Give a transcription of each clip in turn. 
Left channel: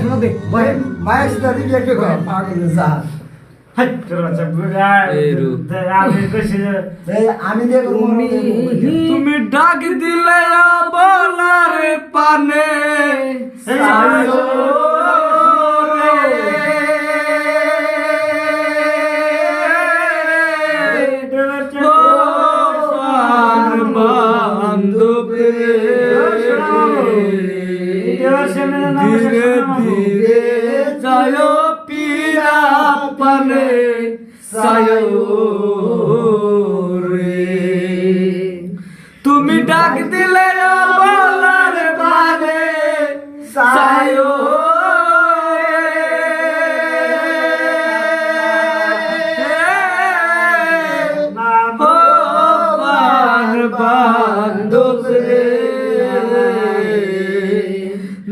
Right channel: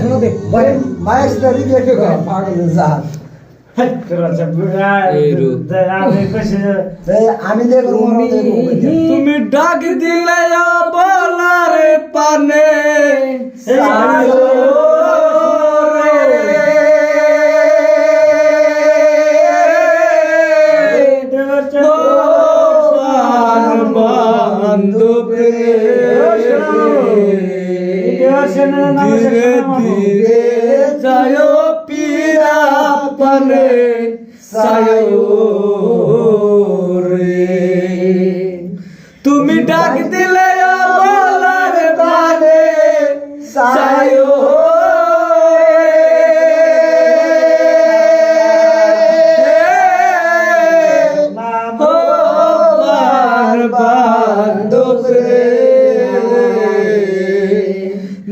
শোনো দেখ মায়ের দাদি দেখে পাগল যা আমি দেখো তুমি ডাক দিলে বলার পানে ধীরে ধীরে যায় পীরা পানে রে তুমি ডাক দিলে বলার পানে সায়ো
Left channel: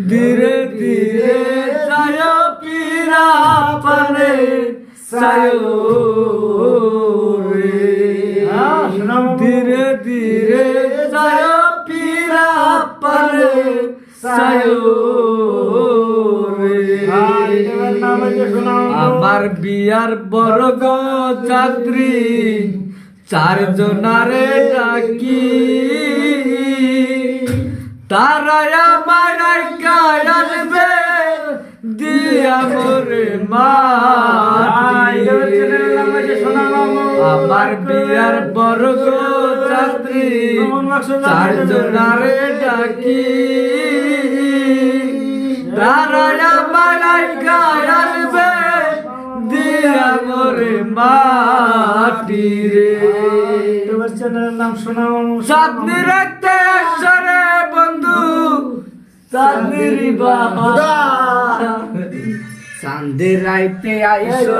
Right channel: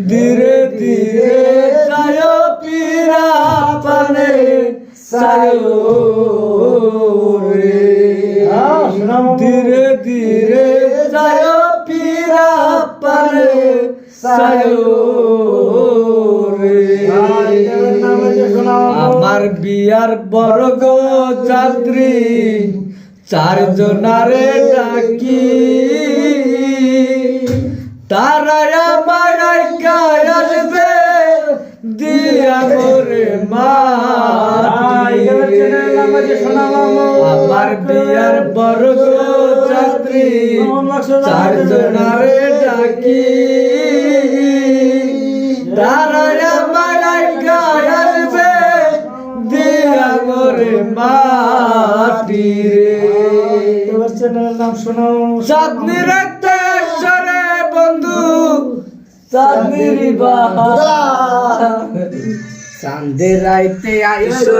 ধীরে ধীরে যায় পীরা পানে সায়ো রে ধীরে ধীরে যায় পীরা পানে সায়ো রে আমার বিয়ার বর্গ যাত্রী চারজনারে ডাকি তারা আমার আসবে দিয়া মোরে মা আমার বিয়ার বর্গ যাত্রী চারজনারে ডাকি তারা আমার আসবে দিয়া মোরে মাটি রে নাম শোনাও চাঁদনি রাখতে সরে বন্ধু চাঁদনি বাবা চাঁদের রাইতে আইসো